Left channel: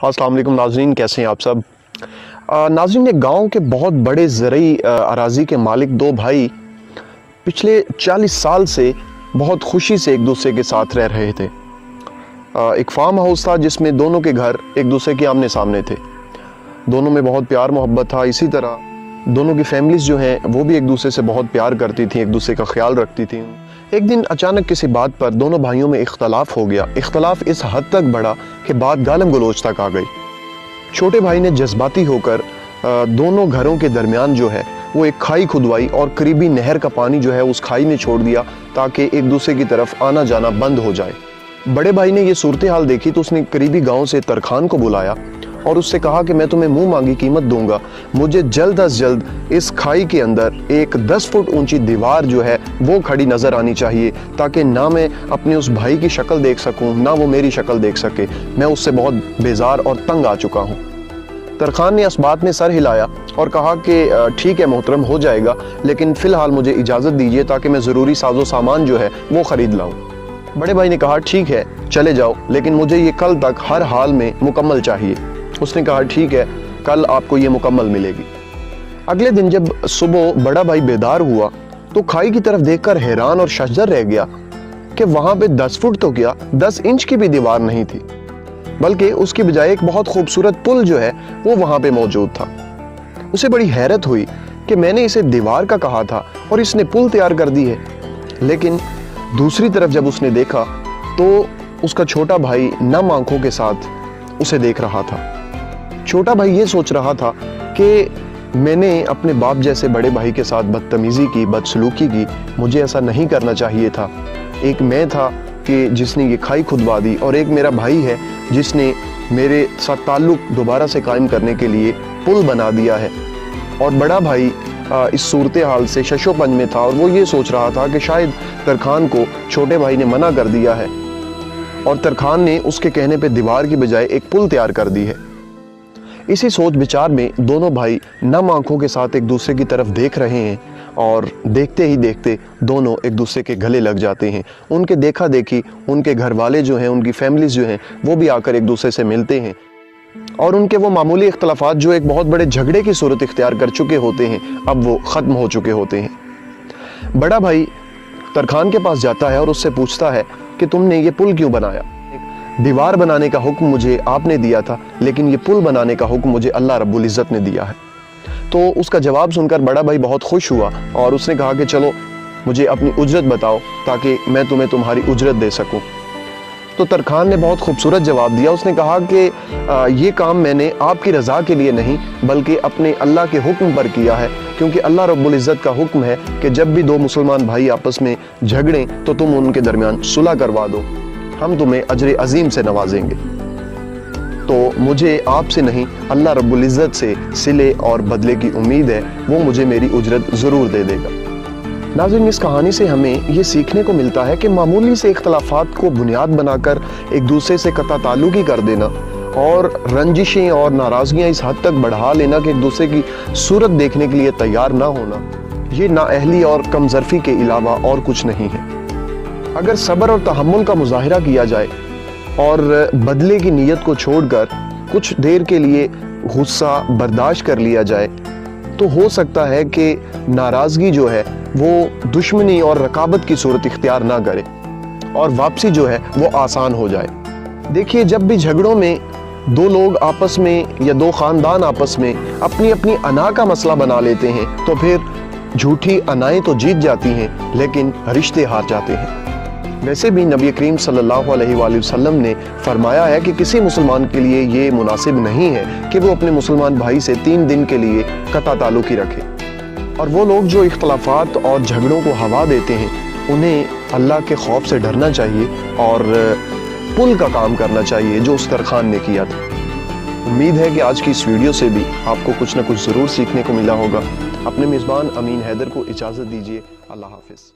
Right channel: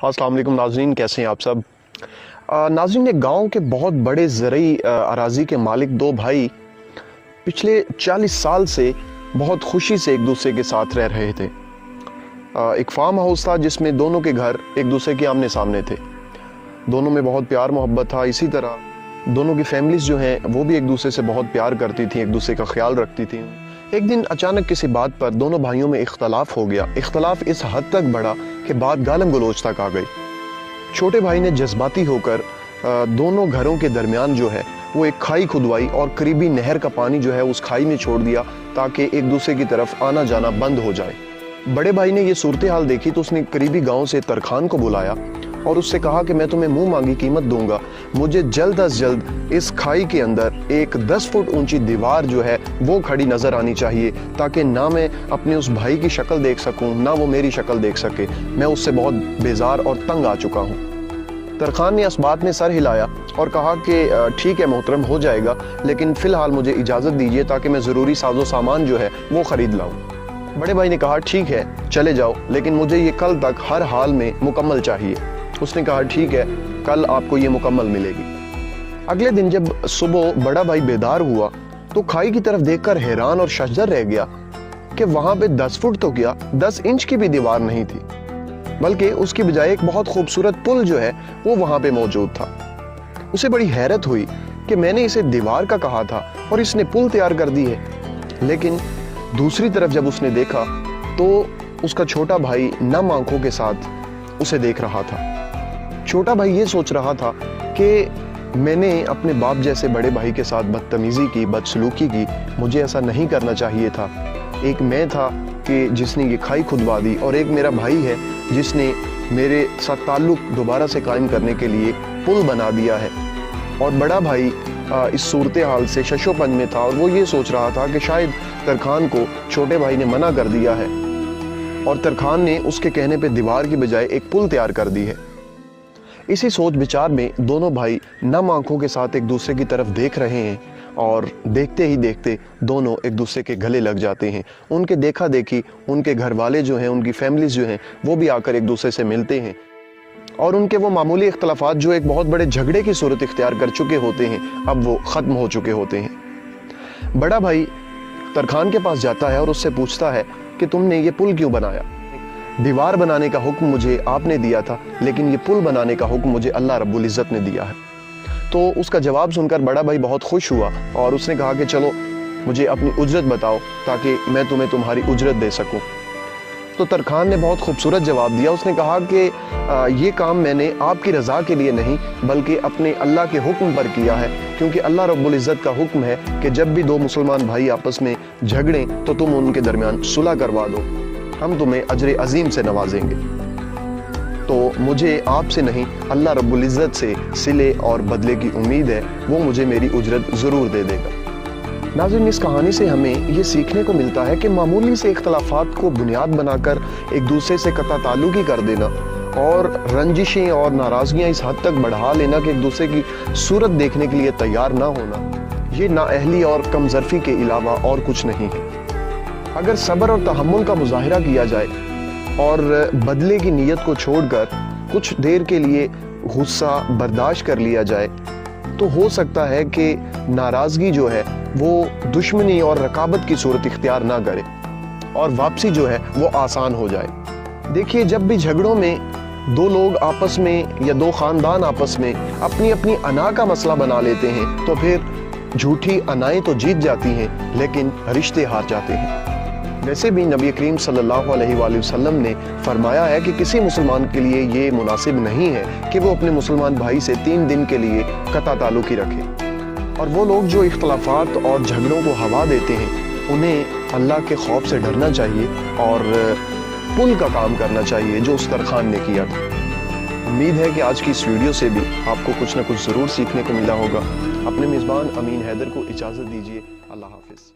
अस्सलाम वालेकुम नाज़रीन, कैसे हैं आप सब। नाज़रीन, एक गांव के बहुत बड़े ज़रई अराज़ी के मालिक दो भाई पिछले 40 साल से बहुत खुशी से एक दूसरे के साथ रह रहे थे। एक फार्म हाउस था जिसमें दोनों के घर एक दूसरे के आमने सामने थे। दोनों में बहुत प्यार मोहब्बत था। इसी तरह दोनों की फैमिलीज जो हैं वो भी एक दूसरे से बहुत प्यार करती थी, एक दूसरे का ख्याल रखती थी। एक दिन अचानक किसी बात पर दोनों भाइयों में इख्तलाफ हो गया। इख्तलाफ इस हद तक बढ़ा कि बात गालम गलोच तक आ गई। छोटे भाई ने जज्बाती होकर दोनों घरों के दरमियान जो है वो एक खाई खुदवाई और करीबी नहर का पानी जो है उस खाई में छोड़ दिया ताकि एक दूसरे की तरफ आना जाना बंद हो जाए। बड़े भाई ने ये सूरत हाल देखी तो उसने करीबी गांव से तरखान को बुलाया और उससे कहा कि मैं तुम्हें मुंह मांगी कीमत दूंगा, मुझे जल्द अज जल्द इस खाई के अंदर एक 10 फुट ऊंची दीवार जो है वो खड़ी नजर आनी चाहिए ताकि ना मैं अपने उस भाई की शक्ल देख सकूं ना वो मेरी शक्ल देख सके। मैं उससे बहुत बेजार और तंग आ चुका हूं। तरखान ने इस बात में सर हिलाया और कहा कि ठीक है मोहतरम, हो जाएगा, लेकिन फिलहाल मुझे इजाजत दीजिए ताकि मैं जरूरी साजो सामान जो है वो खरीद लाऊं। बड़े भाई ने कहा ठीक है चले जाओ, लेकिन मुझे ये कल तक हर हाल में मुकम्मल चाहिए। उसने कहा ठीक है, कल आपको ये मुकम्मल मिलेगी। अगले दिन जब सुबह बड़ा भाई बेदार हुआ तो खाई की तरफ देखकर हैरान और शजर रह गया कि वहां पे 10 फुट तो क्या 10 इंच की भी दीवार नहीं थी, बल्कि उसकी बजाय एक बहुत खूबसूरत पुल जो है वो वहां पे मौजूद था। उसे बड़ी हैरत हुई कि मैंने इसे दीवार का कहा था और इसने पुल तैयार कर दी है। लेकिन दूसरी तरफ जब उसने देखा तो उसका छोटा भाई नम आंखों के साथ उसे देख रहा था। छोटा भाई ये सोच रहा था कि मैंने अपने बाप जैसे बड़े भाई के साथ बदतमीजी की, बदसलूकी की, मुझे ऐसा नहीं करना चाहिए था। एक मैं था कि जिसने ये खाई खुदवा दी और एक मेरा भाई है जिसने मेरे साथ ताल्लुक दोबारा से कायम करने के लिए पुल बना दिया है। और बड़ा भाई इस सूरत हाल से शशोपंज में था और वो ये सोच रहा था कि शायद तरखान को छोटे भाई ने मना कर दिया है और तरखान ने उसके कहने पे दीवार की बजाय एक पुल तैयार कर दी है। इसी सोच विचार में दोनों भाई नम आंखों के साथ एक दूसरे की तरफ देख रहे हैं और देखते ही देखते दोनों एक दूसरे के गले लग जाते हैं। उनके देखा देखी उनके घर वाले जो हैं, उनकी फैमिलीज जो हैं वो भी आकर एक दूसरे से मिलते हैं और उनके वो मामूली इख्तलाफात जो एक बहुत बड़े झगड़े की सूरत इख्तियार कर चुके होते हैं अब वो खत्म हो चुके होते हैं। बड़ा भाई तरखान के पास जाता है और उससे पूछता है कि तुमने ये पुल क्यों बनाया? दीवार बनाने का हुक्म मुझे आपने दिया था, लेकिन ये पुल बनाने का हुक्म मुझे अल्लाह रब्बुल इज़्ज़त ने दिया है। तो उसका जवाब सुनकर बड़ा भाई बहुत खुश हुआ और उसने कहा कि चलो मुझे अपनी उजरत बताओ ताकि मैं तुम्हें तुम्हारी उजरत दे सकूं। तो तरखान ने बहुत खूबसूरत जवाब दिया। उसने कहा कि ये काम मैंने आपकी रजा के लिए नहीं बल्कि अपने अल्लाह के हुक्म पर किया है, क्योंकि अल्लाह रब्बुल इज़्ज़त का हुक्म है कि जब भी दो मुसलमान भाई आपस में झगड़ें तो तुम उनके दरमियान सुलह करवा दो, हम तुम्हें अजर अजीम से नवाजेंगे। तो मुझे आपसे नहीं अल्लाह रब्बुल इज़्ज़त से सिले और बदले की उम्मीद है, वो मुझे मेरी उजरत ज़रूर दे देगा। नाज़रीन, इस कहानी से हमें ये सीखने को मिलता है कि मामूली से इख्तलाफात को बुनियाद बनाकर एक दूसरे से कता ताल्लुकी कर देना और रंजिशें और नाराज़गियाँ इस हद तक बढ़ा लेना कि एक दूसरे की सूरत देखने के लिए तैयार ना होना, ये नाअहली और कमज़र्फ़ी के अलावा और कुछ नहीं है। अगर सब्र और तहम्मुल का मुजाहिरा किया जाए और बदले की नीयत को छोड़कर कुछ देर के लिए गुस्सा बर्दाश्त कर लिया जाए तो हो सकता है कि नाराजगी जो है वो दुश्मनी और रकाबत की सूरत इख्तियार ना करे और वापसी जो है वो आसान हो जाए। देखिए, जब भी झगड़ों में दो लोग आपस में या दो खानदान आपस में अपनी अपनी अना का मसला बना लेते हैं तो फिर झूठी अनाएं तो जीत जाती हैं लेकिन रिश्ते हार जाते हैं। वैसे भी नबी करीम सल्लल्लाहु अलैहि वसल्लम ने फरमाया है कि किसी मुसलमान के लिए ये मुनासिब नहीं है कि वो अपने मुसलमान भाई से 3 दिन के लिए कता ताल्लुकी रखे। और वो लोग जो इख्तलाफात और झगड़ों को हवा देते हैं उन्हें अल्लाह के खौफ से डरना चाहिए और पुल का काम करना चाहिए जो उस तरखान ने किया था। उम्मीद है कि आज की इस वीडियो से भी आपको कुछ न कुछ ज़रूर सीखने को मिला होगा। अपने मेज़बान अमीन हैदर को इजाज़त दीजिए। अल्लाह हाफिज़।